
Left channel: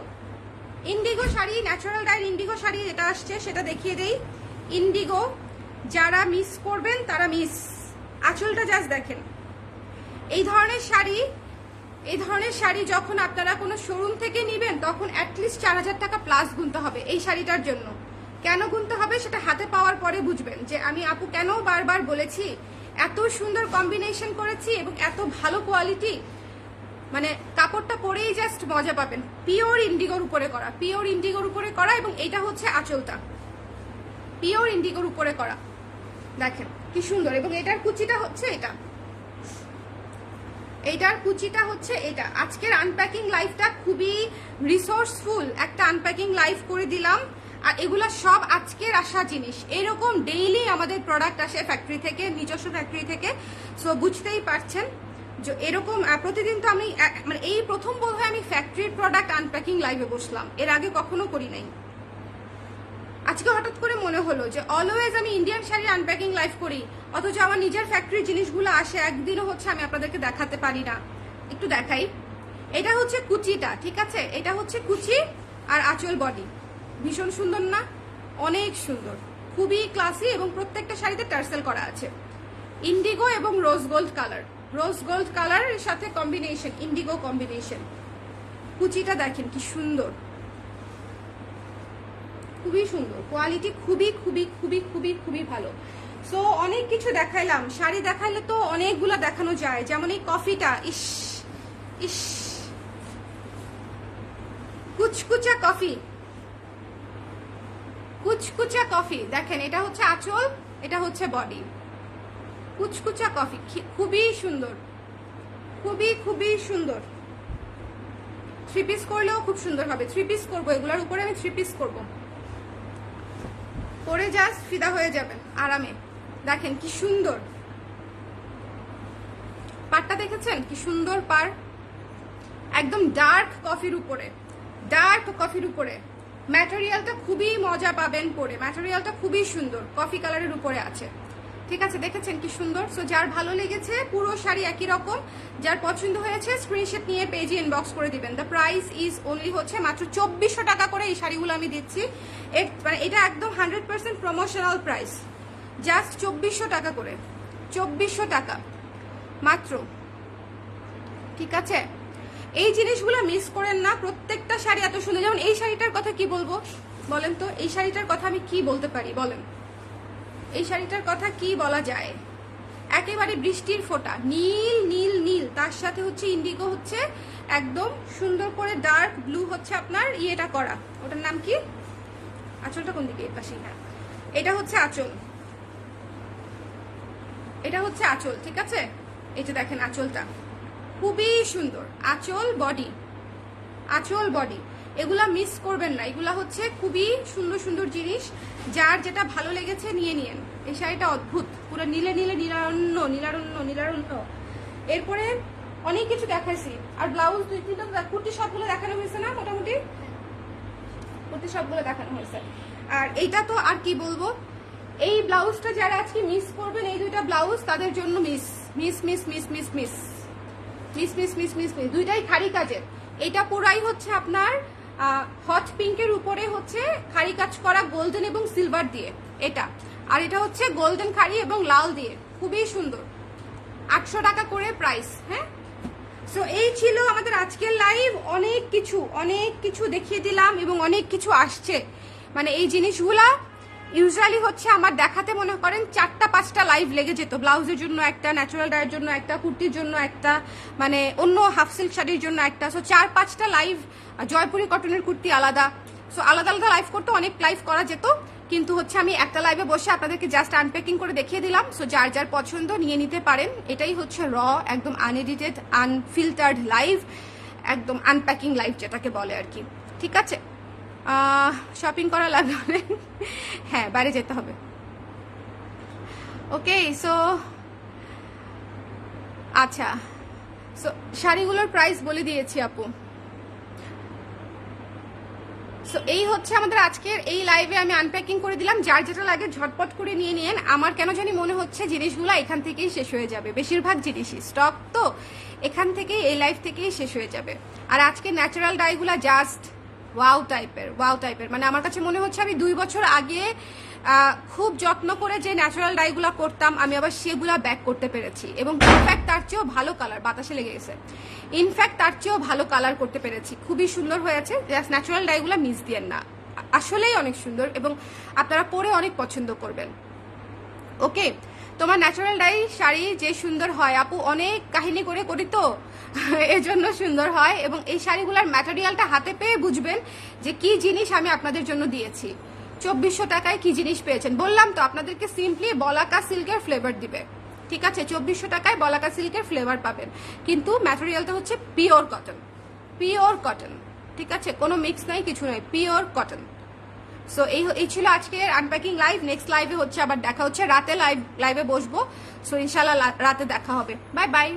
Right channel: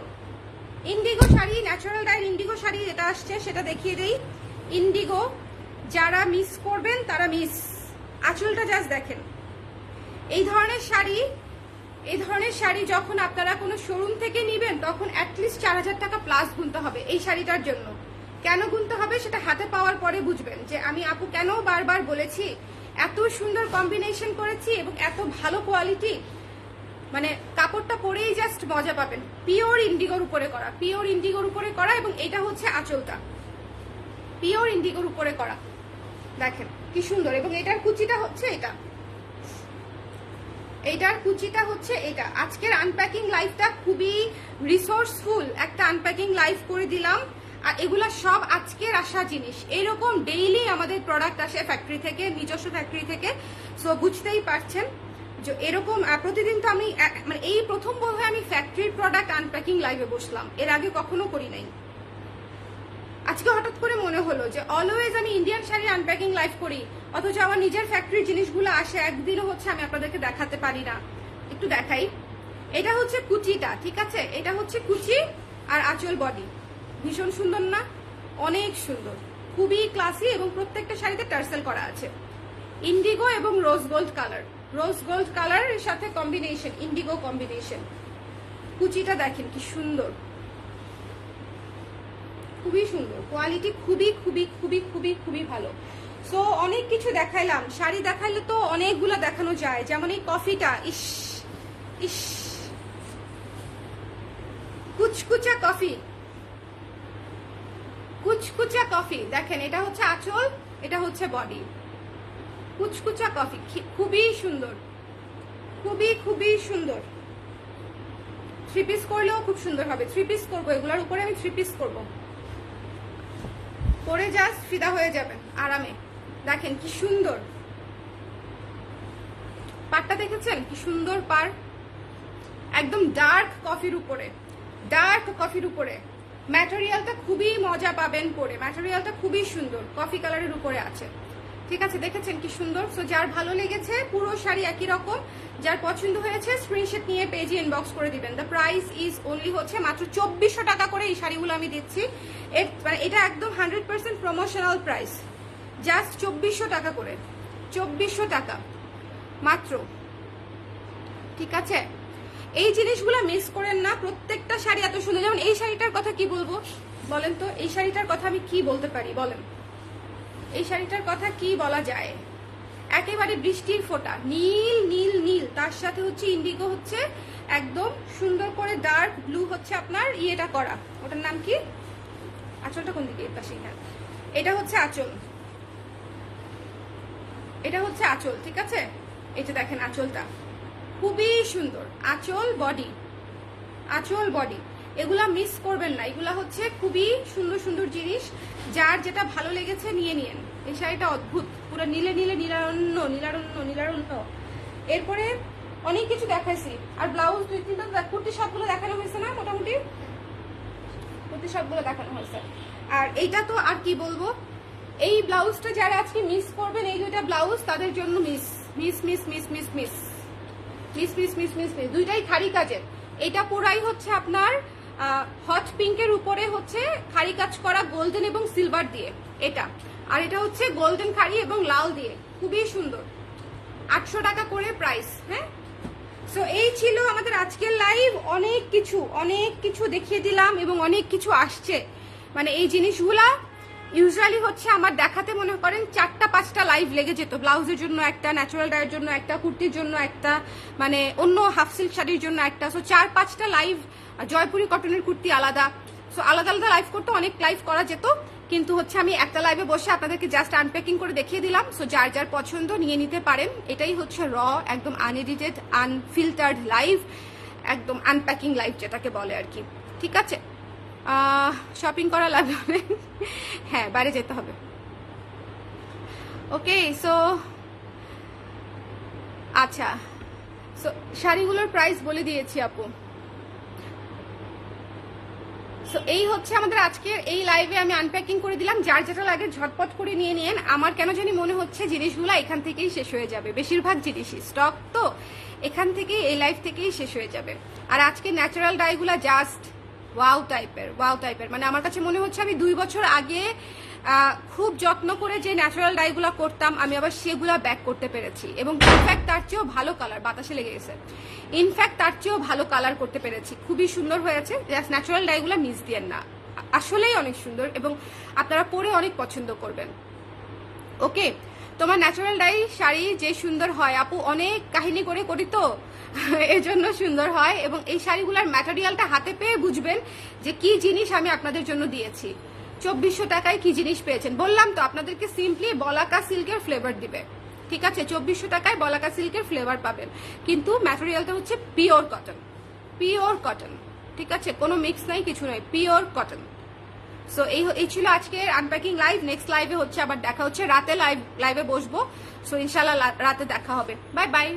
Indigo sari, natural die Indigo sari এটা আসছে, সেটা দেখিয়ে দেই। ইন্ডিগো, যারা মিস করবেন তারা মিস। আঁচলটা জাস্ট দেখেন। এই ধরনের শাড়ি, এই ধরনের শাড়ি যখন আপনারা কোনো শোরুম থেকে নেবেন তখন অ্যাটলিস্ট 4000 টাকা প্লাস গুনতে হবে এই শাড়িটার জন্য। কেন গুনতে হবে সেটা হাতে পাওয়ার পরে বুঝবেন যে আমি আপু কেন বারবার বলেছি। এত সুন্দর কম্বিনেশন করেছি এবং এত ভালো কোয়ালিটি, মানে কাপড়টা পরেই জাস্ট মজা পাবেন। পিওর ইন্ডিগোর উপরে করা, পিওর ইন্ডিগোর উপরে করা, এবং এটা হচ্ছে আঁচলটা পিওর ইন্ডিগোর উপরে করা। দেখেন কি সুন্দর। এবং এটার কুচিটা হচ্ছে এটা, এটার কুচিটা হচ্ছে এটা। আজকের আনপ্যাকিং লাইফটা খুবই রিসোর্সফুল একটা আনপ্যাকিং লাইফ করে দিলাম। আর এগুলা সব আজকের আসা জিনিস, এরকম ডেইলি আমাদের প্রোডাক্ট আসে ফ্যাক্টরি থেকে, নিজস্ব ফ্যাক্টরি থেকে। সো বুঝতেই পারছেন যে এরকম প্রতিদিন তো আমি মানে এই প্রথম বোধহয় আমি ফ্যাক্টরির প্রোডাক্ট আনপ্যাকিং লাইভে বসলাম, এর আগে কখনো করি নাই। আজকে হঠাৎ করে মনে হলো যে অলওয়েজ আমি ইন্ডিয়ান শাড়ি আনপ্যাকিং লাইভ করি, অথচ আমার নিজের ফ্যাক্টরির জিনিসগুলো আসে, একদিনও হচ্ছে আমি আপনাদেরকে দেখাতে পারি না। একটু দেখাই। এটা হচ্ছে কুচিটা, ঠিক আছে, এটা হচ্ছে কুচি আর আঁচল বডি। ভীষণ সুন্দর না? অনেক সুন্দর, খুবই ক্লাসি, এবং প্রত্যেকটা শাড়িতে টার্সেল করা আছে। ইন্ডিগো এবং rose gold colour, rose gold কালারের সাথে কম্বিনেশন, ইন্ডিগো কম্বিনেশন। কুচিটা দেখেন কি সুন্দর, খুবই সুন্দর, কোয়ালিটি খুবই খুবই খুবই খুবই খুবই ভালো। সো অনেক কিছু দেখাইলাম, শাড়ি দেখাইলে তো অনেকগুলা দেখানো যায়। যেমন এই কফিটা, ইস ইস, কুচকুচা কফি, কুচকুচা কফি। দেখেন এটা হচ্ছে আঁচল, এটা হচ্ছে বডি। কুচকুচা কফি খুবই সুন্দর, খুবই খুবই সুন্দর। 3 পিস করলেও খুব সুন্দর হবে। 3 পিস করবো, এগুলোর উপরে আমি 3 পিস করবো, পরে জাস্ট ফিদা হয়ে যাবে আরামে। দেখেন কি সুন্দর পাড়টা, দেখেছেন কি সুন্দর পাড়, একদম ডার্ক কফির উপরে, ডার্ক কফির উপরে। ম্যাটেরিয়ালটা খুবই মজা পাবেন পরে, ম্যাটেরিয়ালটা খুবই সুন্দর, কফি কালারের উপরে আছে। ঠিক আছে, দেখেছেন কি সুন্দর। সো যার ভালো লেগেছে, পুরো শাড়ি একই রকম, যার পছন্দ হয়েছে স্ক্রিনশট নিয়ে পেজে ইনবক্স করে দিবেন। দ্য প্রাইস ইজ ওনলি হচ্ছে মাত্র 2400 টাকা করে এই শাড়িগুলো আমি দিচ্ছি। এটা একদম 100% প্রমোশনাল প্রাইস, জাস্ট 2400 টাকা করে, 2400 টাকা মাত্র। ঠিক আছে, এই জিনিসগুলো মিস করেন না। প্রত্যেকটা শাড়ি এত সুন্দর। যেমন এই শাড়িটার কথা কি বলবো বলেন তো, এই শাড়িটার কথা আমি কি বলতে পারি বলেন, এই শাড়িটার কথা কি বলা যায়? একেবারে বৃষ্টির ফোঁটা, নীল নীল নীল, তার সাথে হচ্ছে ইন্ডিগো, হচ্ছে একদম সুন্দর করে ডার্ক ব্লু হচ্ছে আপনার ইয়েটা করা, ওটার নাম কি, আঁচলটা কোন দিকে, পাশে, এটা হচ্ছে আঁচল, এটা হচ্ছে আঁচল। ঠিক আছে, এই যে দেখেন আঁচলটা খুবই সুন্দর, আঁচল বডি, আঁচল বডি, এগুলা মিস করবেন না। এগুলা হচ্ছে খুবই সুন্দর সুন্দর জিনিস, যার যেটা ভালো লেগেছে নিয়ে নিন। এই শাড়িটা অদ্ভুত, পুরো নীলে নীলে নীলারণ্য নীলারণ্য নীলারণ্য। এরপরে অনেক কিছু দেখাইছি, আর ব্লাউজ দুই তিনটা, কুর্তি সবগুলো দেখানো হয়েছে না, মোটামুটি কুর্তি সবগুলো দেখানো হয়েছে। আর এইটা তো আর কি বলবো, এই ব্লাউজটা যারা আজকে মিস করবেন, এই দুইটা ব্লাউজ তাদের জন্য miss miss miss miss miss miss miss miss miss miss miss, দুইটাই খাড়ি কাজের। এটা পুরাই হচ্ছে আপনার হট পিঙ্কের উপরে হচ্ছে খাড়ি কাজ করা গোল্ডেন এবং সিলভার দিয়ে এটা, আর এটা হচ্ছে গোল্ডেন খাড়ি এবং লাল দিয়ে, খুবই সুন্দর। 800 টাকা করে প্রাইস। হ্যাঁ, সো এই ছিল আমাদের আজকের লাইভ। অনেক কিছু দেখিয়ে দিলাম এবং অনেক কিছু আসছে। মানে এই জিনিসগুলা ইউজুয়ালি হচ্ছে আমার দেখাতে মনে করেন 4-5টা লাইভ লেগে যেত। ব্লাউজের জন্য একটা, ন্যাচারাল ডায়ের জন্য একটা, কুর্তির জন্য একটা, মানে অন্য হাফ সিল্ক শাড়ির জন্য একটা, সো 4-5টা লাইভ। জয়পুরি কটনের কুর্তি আলাদা, সো আলাদা আলাদা লাইভ করতে অনেক লাইভ করা যেত, কিন্তু হচ্ছে আমি একটা লাইভে বসে আপনাদেরকে জাস্ট আনপ্যাকিং করে দেখিয়ে দিলাম। সো যার যার পছন্দ নিয়ে নিতে পারেন। এটাই হচ্ছে র, একদম আনএডিটেড, আনফিল্টার্ড লাইভ, একদম আনপ্যাকিং লাইভ যেটাকে বলে আর কি। ঠিক আছে, শপিং করা লাগবে, হ্যাঁ বাইরে যেতে হবে। ওকে, সো আচ্ছা, সো শাড়িগুলোর প্রাইস বলে দিয়েছি আপু। সো এই হচ্ছে আমাদের আজকের এই লাইভে আমি আনপ্যাকিং করে দিলাম। যার যেটা লাগে ঝটপট করে নিয়ে নিন। আমার কেন জানি মনে হচ্ছে জিনিসগুলো এখান থেকেই শেষ হয়ে যাবে, বেশিরভাগ জিনিসই স্টক তো এখান থেকেই, এই লাইভ থেকেই শেষ হয়ে যাবে। আর আজকে ন্যাচারাল ডাইগুলা জাস্ট ওয়াও টাইপের, মানে আমার কাছে মনে হচ্ছে আমি 2 বছর আগে খুব যত্ন করে যে ন্যাচারাল ডাইগুলা করতাম, আমি আবার সেগুলা ব্যাক করতে পেরেছি, এবং ইনফ্যাক্ট তার চেয়েও ভালো কালার, বাতাসে লেগে গেছে, ইনফ্যাক্ট তার চেয়েও ভালো কালার করতে পেরেছি, খুবই সুন্দর হয়েছে। জাস্ট ন্যাচারাল ডাইগুলা মিস দিয়েন না, আসলেই অনেক সুন্দর এবং আপনারা পরে অনেক পছন্দ করবেন। ওকে, তোমার ন্যাচারাল ডাই শাড়ি যে সুন্দর হয় আপু, অনেক কাহিনী করে করি তো এই জন্য সুন্দর হয়। এবং এই শাড়িগুলোর ম্যাটেরিয়ালটা হাতে পেয়ে বুঝবেন যে কি জিনিস আমি আপনাদের জন্য দিয়েছি। 2400 টাকায় কি জিনিস পেয়েছেন বললাম তো, আপনাদেরকে সিম্পলি বলাকা সিল্কের ফ্লেভার দিবে। ঠিক আছে, 2400 টাকায় বলাকা সিল্কের ফ্লেভার পাবেন, কিন্তু ম্যাটেরিয়ালটা হচ্ছে পিওর কটন, পিওর কটন। ঠিক আছে, কোনো মিক্স নাই, কিছু নাই, পিওর কটন। সো এই ছিল আজকের আনপ্যাকিং লাইভ। নেক্সট লাইভে হচ্ছে আবার দেখা হচ্ছে রাতে, লাইভে বসবো। সো ইনশাল্লাহ রাতে দেখা হবে। Bye bye.